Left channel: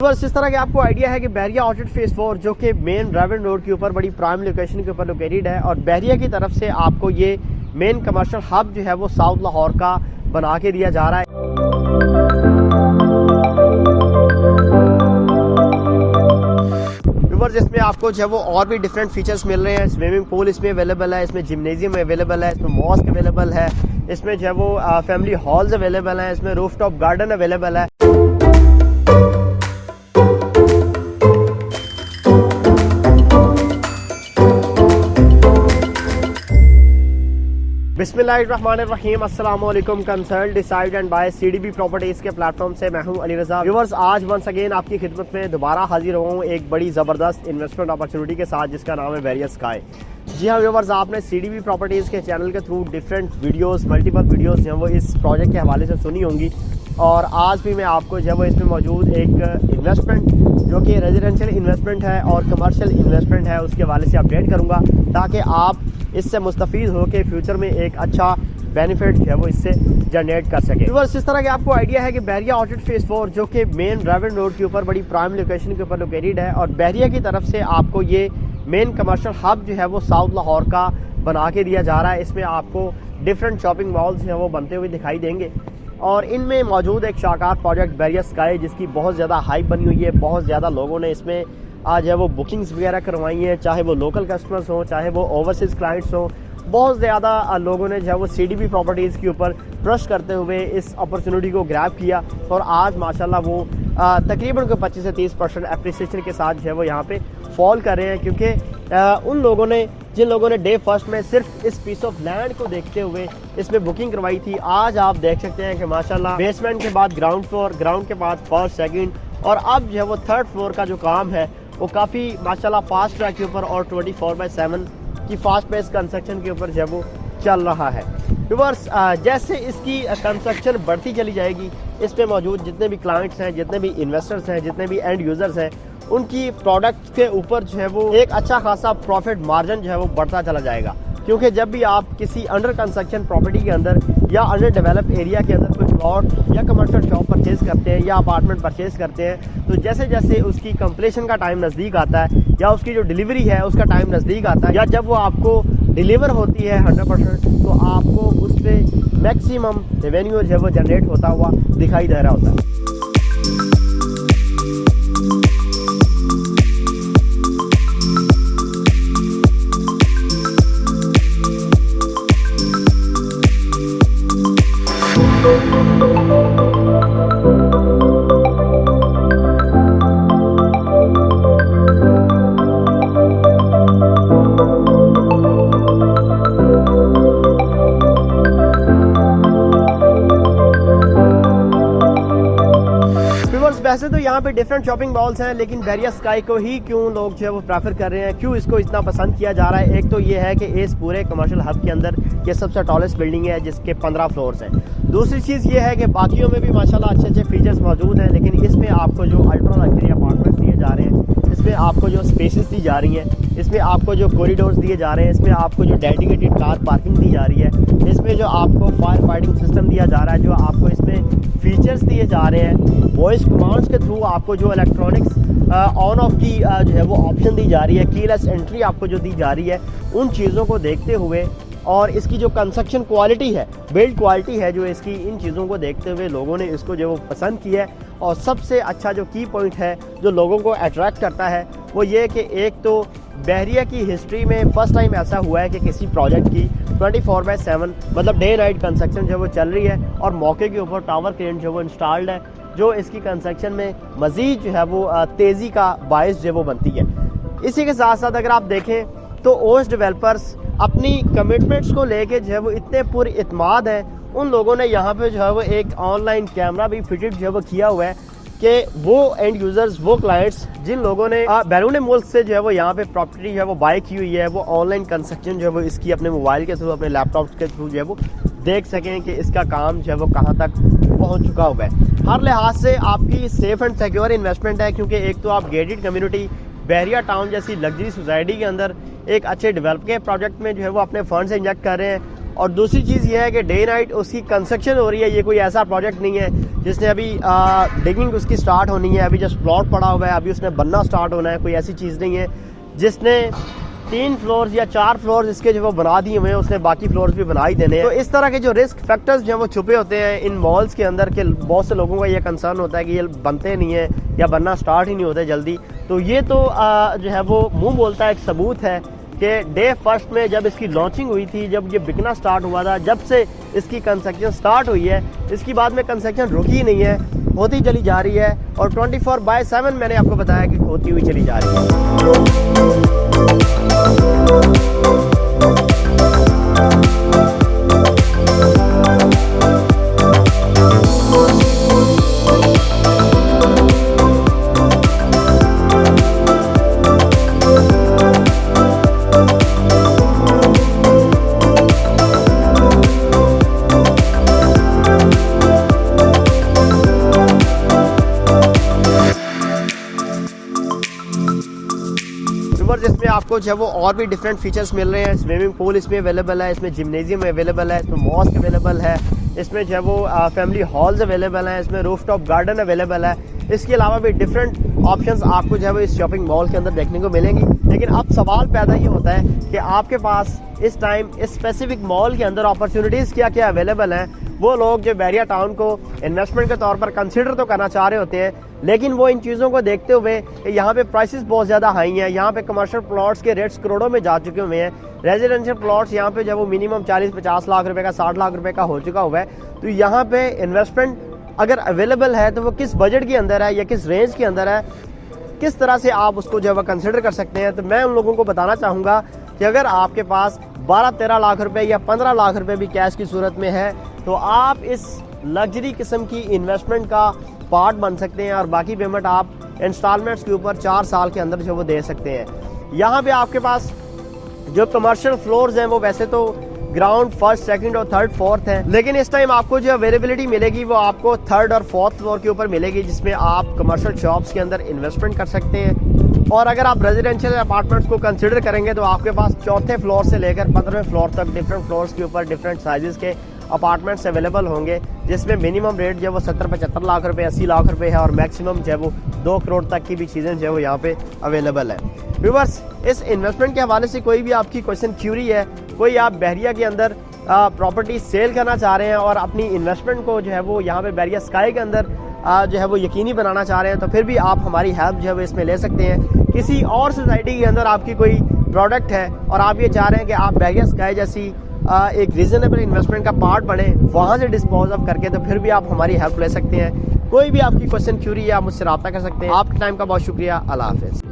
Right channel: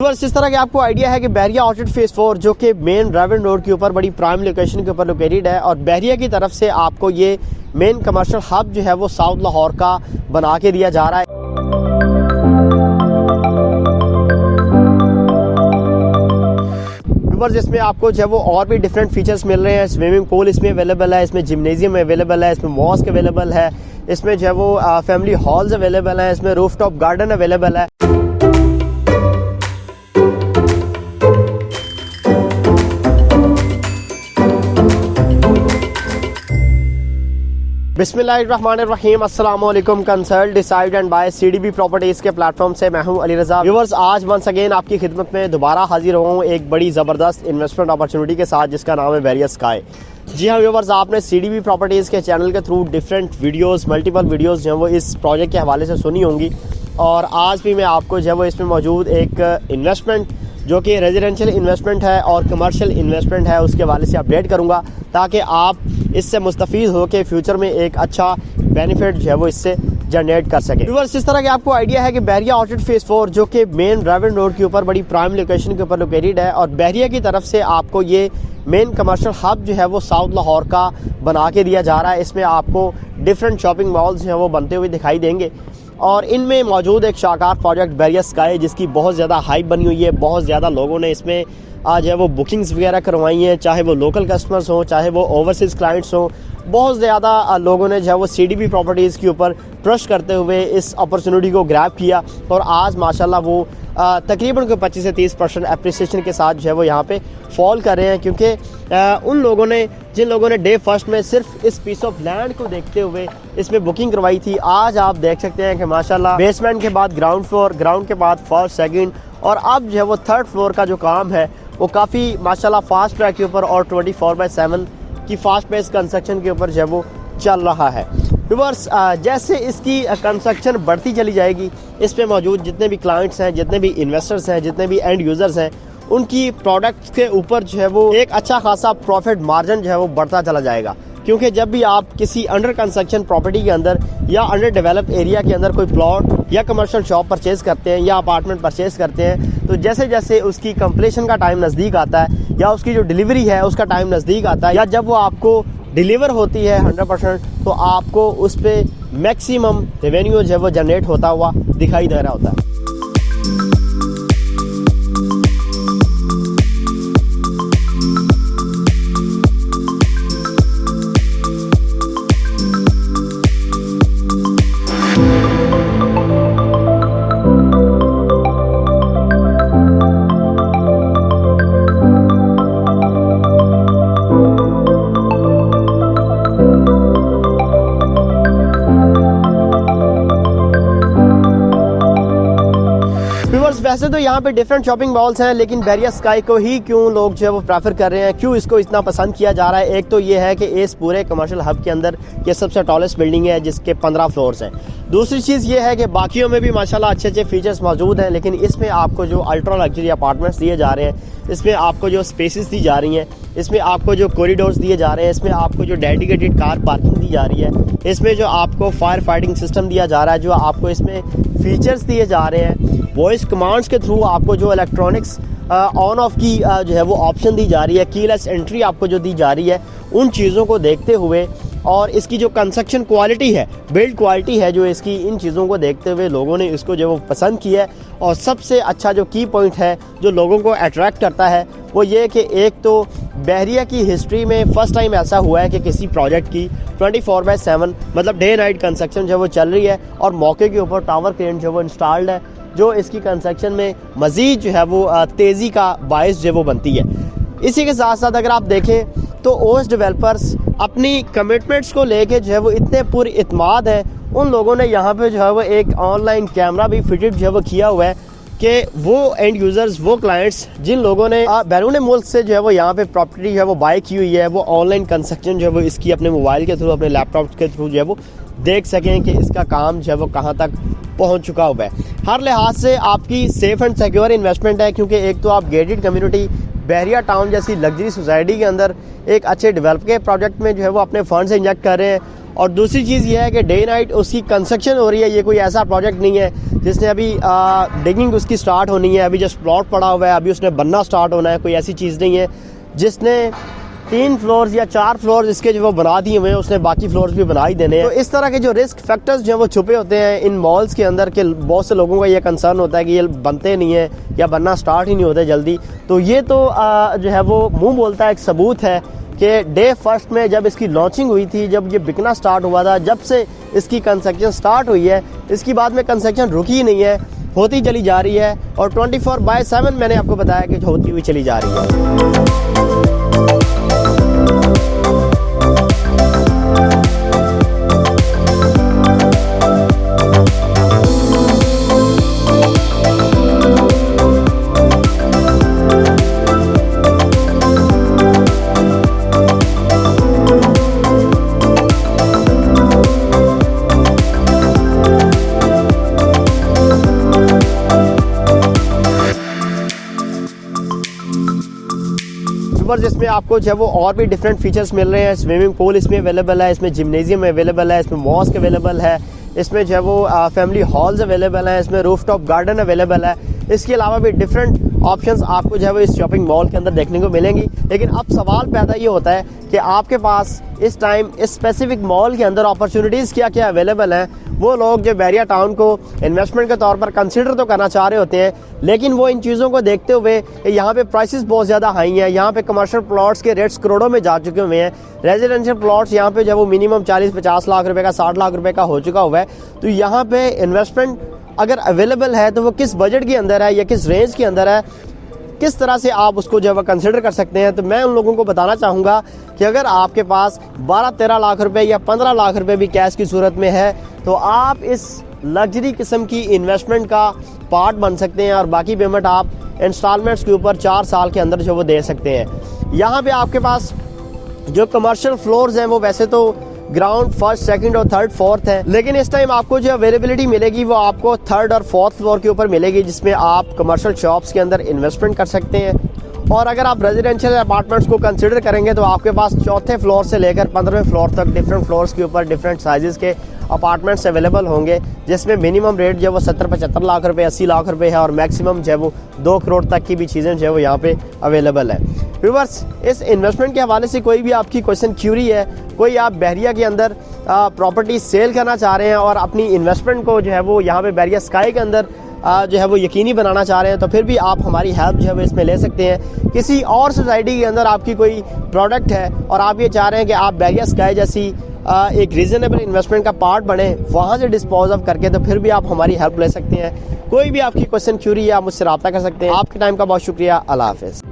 बस इस तरह के आपको आइडिया है कि बहरिया आउटलेट फेज 4 जो कि मेन ड्राइविंग रोड के ऊपर बड़ी प्राइम लोकेशन के ऊपर लोकेटेड है और बहरिया की तरफ से आपको ये मेन कमर्शियल हब जो है वो साउथ लाहौर का बना के दिया जा रहा है। इसमें आपको जो है वो और भी डिफरेंट फीचर्स मिल रहे हैं। स्विमिंग पूल इसमें अवेलेबल है, इसमें जिम्नेजियम अवेलेबल है, इसमें मॉस्क अवेलेबल है, इसमें जो है वो फैमिली हॉल्स अवेलेबल है, इसमें रूफटॉप गार्डन अवेलेबल है। बिस्मिल्लाहिर्रहमानिर्रहीम, अस्सलाम वालेकुम। Consult decide and buy CDB properties के प्लेटफॉर्म से मैं हूं अली रज़ा। व्यूअर्स, आज वंस अगेन आपकी खिदमत में दोबारा हाजिर हूं एक बड़ी ज़बरदस्त इन्वेस्टमेंट अपॉर्चुनिटी के साथ जिसका नाम है बहरिया स्काई। जी हाँ व्यूअर्स, आपने सीडीबी प्रॉपर्टीज़ के चैनल के through different videos multiple videos जो है वो इस प्रोजेक्ट के हवाले से सुनी होंगी और आज भी मैं आपको जो है वो इसमें मौजूद एक इन्वेस्टमेंट जो कि रेजिडेंशियल इन्वेस्टमेंट है और कमर्शियल इन्वेस्टमेंट है उसके हवाले से अपडेट करूँगा ताकि आप इससे मुस्तफ़ीद हो के फ्यूचर में एक अच्छा बेनिफिट जो है वो इससे जनरेट कर सके। व्यूअर्स, इस तरह के आपको आइडिया है कि बहरिया आउटलेट फेज 4 जो कि मेन ड्राइविंग रोड के ऊपर बड़ी प्राइम लोकेशन के ऊपर लोकेटेड है और बहरिया की तरफ से आपको ये मेन कमर्शियल हब जो है वो साउथ लाहौर का बना के दिया जा रहा है। इसमें आपको डिफरेंट शॉपिंग मॉल्स जो है वो बनते हुए दिखाई देंगे और इनमें मौजूद एक शाकार प्रोजेक्ट बहरिया स्काई जिसकी बहुत ज़्यादा हाइप बनी हुई है। बहुत ज़्यादा लोगों ने इसमें आज है वो बुकिंग्स वगैरह करवाई हैं, चाहे वो लोकल कस्टमर्स हों चाहे वो ओवरसीज़ क्लाइंट्स हों। बहुत ज़्यादा लोगों ने जो है वो सीडीबी प्रॉपर्टीज़ के ऊपर ट्रस्ट करते हुए इस अपॉर्चुनिटी को ग्रैब किया और आज माशाल्लाह वो तकरीबन कोई 25 से 30% एप्रिसिएशन के साथ जो है वो यहाँ पे फॉल कर रहे हैं क्योंकि उन लोगों ने जिन लोगों ने डे फर्स्ट में सिर्फ इस पीस ऑफ लैंड को देखते हुए इसमें बुकिंग करवाई थी, आज आप देख सकते हैं कि माशाल्लाह बेसमेंट के बाद ग्राउंड फ्लोर, ग्राउंड के बाद फर्स्ट सेकंड और अब जो है वो थर्ड फ्लोर का जो काम है वो काफ़ी माशाल्लाह फास्ट ट्रैक के ऊपर और 24/7 की फास्ट पेस कंस्ट्रक्शन के ऊपर जो है वो चल रहा है। व्यूअर्स, जैसे इसकी कंस्ट्रक्शन बढ़ती चली जाएगी इस पे मौजूद जितने भी क्लाइंट्स हैं, जितने भी इन्वेस्टर्स हैं, जितने भी एंड यूज़र्स हैं, उनकी प्रोडक्ट्स के ऊपर जो है वो एक अच्छा खासा प्रॉफिट मार्जिन जो है वो बढ़ता चला जाएगा क्योंकि जब भी आप किसी अंडर कंस्ट्रक्शन प्रॉपर्टी के अंदर या अंडर डेवलप एरिया के अंदर कोई प्लॉट या कमर्शियल शॉप परचेज़ करते हैं या अपार्टमेंट परचेज़ करते हैं तो जैसे जैसे उसकी कंप्लीशन का टाइम नज़दीक आता है या उसकी जो डिलीवरी है उसका टाइम नज़दीक आता है या जब वो आपको डिलीवर होती है 100% तो आपको उस पर मैक्सिमम रेवेन्यू जो है वो जनरेट होता हुआ दिखाई दे रहा होता है। वैसे तो यहाँ पे डिफरेंट शॉपिंग मॉल्स हैं लेकिन बहरिया स्काई को ही क्यों लोग जो है वो प्रेफर कर रहे हैं, क्यों इसको इतना पसंद किया जा रहा है। एक तो ये है कि इस पूरे कमर्शियल हब के अंदर ये सबसे टॉलेस्ट बिल्डिंग है जिसके 15 फ्लोर्स हैं। दूसरी चीज़ ये है कि बाकियों में भी माशाल्लाह अच्छे अच्छे फीचर्स मौजूद हैं लेकिन इसमें आपको जो अल्ट्रा लग्जरी अपार्टमेंट्स दिए जा रहे हैं, इसमें आपको जो स्पेसेस दी जा रही हैं, इसमें आपको जो कॉरिडोर्स दिए जा रहे हैं, इसमें आपको जो डेडिकेटेड कार पार्किंग दी जा रही है, इसमें जो आपको फायर फाइटिंग सिस्टम दिया जा रहा है, जो आपको इसमें फीचर्स दिए जा रहे हैं, वॉइस कमांड्स के थ्रू आपको जो इलेक्ट्रॉनिक्स ऑन ऑफ की जो है वो ऑप्शन दी जा रही है, कीलेस एंट्री आपको जो दी जा रही है, उन चीज़ों को देखते हुए और इसकी जो कंस्ट्रक्शन क्वालिटी है, बिल्ड क्वालिटी है जो इसकी, इन चीज़ों को देखते हुए लोगों ने इसको जो वो पसंद किया है। और सबसे अच्छा जो की पॉइंट है जो लोगों को अट्रैक्ट करता है वो ये कि एक तो बहरिया की हिस्ट्री में फ़र्स्ट टाइम ऐसा हुआ है कि किसी प्रोजेक्ट की 24/7 मतलब डे नाइट कंस्ट्रक्शन जो है वो चल रही है और मौके के ऊपर टावर क्रेन जो वो इंस्टॉल्ड है जो इसकी कंस्ट्रक्शन में मज़ीद जो है वो तेज़ी का बायस जो वो बनती है। इसी के साथ साथ अगर आप देखें तो ओस डेवलपर्स अपनी कमिटमेंट्स को लेके जो है वो इतने पूरी इत्माद है, उन लोगों ने यहाँ पे जो है वो एक ऑनलाइन कैमरा भी फिटेड जो है वो किया हुआ है कि वो एंड यूज़र्स, वो क्लाइंट्स जिन लोगों ने बैरून मुल्क से जो है वो यहाँ पे प्रॉपर्टी जो है वो बाय की हुई है, वो ऑनलाइन कंस्ट्रक्शन जो है वो इसकी अपने मोबाइल के थ्रू, अपने लैपटॉप के थ्रू जो है वो देख सकें कि इसका काम जो है वो कहाँ तक पहुँच चुका हुआ है। हर लिहाज से आपकी सेफ़ एंड सिक्योर इन्वेस्टमेंट है क्योंकि एक तो आप गेटेड कम्युनिटी बहरिया टाउन जैसी लग्जरी सोसाइटी के अंदर एक अच्छे डेवलप के प्रोजेक्ट में जो है वो अपने फंड्स इंजेक्ट कर रहे हैं और दूसरी चीज़ ये है कि डे नाइट उसकी कंस्ट्रक्शन हो रही है। ये कोई ऐसा प्रोजेक्ट नहीं है जिसने अभी डिगिंग उसकी स्टार्ट होनी है, अभी जस्ट प्लॉट पड़ा हुआ है, अभी उसने बनना स्टार्ट होना है। कोई ऐसी चीज़ नहीं है जिसने 3 फ्लोर्स या 4 फ्लोर्स इसके जो वो बना दिए हुए हैं, उसने बाकी फ्लोर्स भी बना ही देने हैं। तो इस तरह के जो रिस्क फैक्टर्स जो है वो छुपे होते हैं इन मॉल्स के अंदर के बहुत से लोगों का ये कंसर्न होता है कि ये बनते नहीं है या बनना स्टार्ट ही नहीं होते जल्दी। तो ये तो जो है वो मुंह बोलता है, एक सबूत है कि डे फर्स्ट में जब इसकी लॉन्चिंग हुई थी, जब ये बिकना स्टार्ट हुआ था, जब से इसकी कंस्ट्रक्शन स्टार्ट हुई है, इसकी बाद में कंस्ट्रक्शन रुकी ही नहीं है, होती चली जा रही है। और 24/7 मैंने आपको बताया कि होती हुई चली जा रही है। इसमें आपको जो है वो और भी डिफरेंट फीचर्स मिल रहे हैं। स्विमिंग पूल इसमें अवेलेबल है, इसमें जिम्नेजियम अवेलेबल है, इसमें मॉस्क अवेलेबल है, इसमें जो है वो फैमिली हॉल्स अवेलेबल है, इसमें रूफटॉप गार्डन अवेलेबल है। इसके अलावा भी डिफरेंट ऑप्शंस आपको जो है वो इस शॉपिंग मॉल के अंदर देखने को मिलेंगी। लेकिन अब सवाल पैदा ये होता है कि आपके पास इस टाइम इस स्पेसिफिक मॉल के अंदर अपॉर्चुनिटीज़ क्या क्या अवेलेबल हैं। वो लोग जो बैरिया टाउन को इन्वेस्टमेंट के तौर पर कंसिडर तो करना चाह रहे होते हैं, लेकिन वो इन चीज़ों को देखते हुए यहाँ पे प्राइसेस बहुत ज़्यादा हाई हैं। यहाँ पे कमर्शियल प्लॉट्स के रेट्स करोड़ों में जा चुके हुए हैं। रेजिडेंशियल प्लॉट्स यहाँ पे जो है वो मिनिमम 40-50 लाख रुपए का, 60 लाख रुपए का हो चुका हुआ है। तो यहाँ पे इन्वेस्टमेंट अगर अवेलेबल है तो वो किस बजट के अंदर है या किस रेंज के अंदर है, किस तरह से आप उसको जो है कंसिडर कर सकते हैं। तो मैं उन लोगों को बताना चाहूँगा कि अगर आपके पास 12-13 लाख रुपए या 15 लाख रुपए भी कैश की सूरत में है तो आप इस लग्जरी किस्म की इन्वेस्टमेंट का पार्ट बन सकते हैं और बाकी पेमेंट आप इंस्टॉलमेंट्स के ऊपर 4 साल के अंदर जो वो दे सकते हैं। यहाँ पे आपके पास जो कमर्शियल फ्लोर्स हैं वो वैसे तो ग्राउंड, फर्स्ट, सेकंड और थर्ड, फोर्थ है, लेकिन इस टाइम आपको जो अवेलेबिलिटी मिलेगी वो आपको थर्ड और फोर्थ फ्लोर के ऊपर मिलेगी, जिसमें आप कमर्शियल शॉप्स के अंदर इन्वेस्टमेंट कर सकते हैं। और अगर आप रेजिडेंशियल अपार्टमेंट्स को कंसिडर करेंगे तो आपके पास चौथे फ्लोर से लेकर 15वें फ्लोर तक डिफरेंट फ्लोर्स के ऊपर डिफरेंट साइजेस के अपार्टमेंट्स अवेलेबल होंगे, जिसमें मिनिमम रेट जो है वो 70-75 लाख रुपए, 80 लाख रुपए है और मैक्सिमम जो है वो 2 करोड़ तक की भी चीज़ें जो है वो यहाँ पे अवेलेबल है। व्यूअर्स, इस इन्वेस्टमेंट के हवाले से कोई भी आपकी क्वेश्चन क्यूरी है, कोई आप बहरिया के अंदर प्रॉपर्टी सेल करना चाह रहे हैं और अपनी इन्वेस्टमेंट को जो है वो यहाँ पे बहरिया स्काई के अंदर जो है वो यकीनी बनाना चाह रहे हैं, तो फिर भी आप हमारी हेल्प जो है वो इसमें ले सकते हैं। किसी और सोसाइटी के अंदर आपकी कोई प्रोडक्ट है और आप ये चाह रहे हैं कि आप बहरिया स्काई जैसी एक रीजनेबल इन्वेस्टमेंट का पार्ट बने, वहाँ से डिस्पोज ऑफ करके, तो फिर भी आप हमारी हेल्प ले सकते हैं। कोई भी आपकी क्वेश्चन क्यूरी है आप मुझसे रब्ता कर सकते हैं। आपके टाइम का बहुत शुक्रिया। अल्लाह हाफिज़।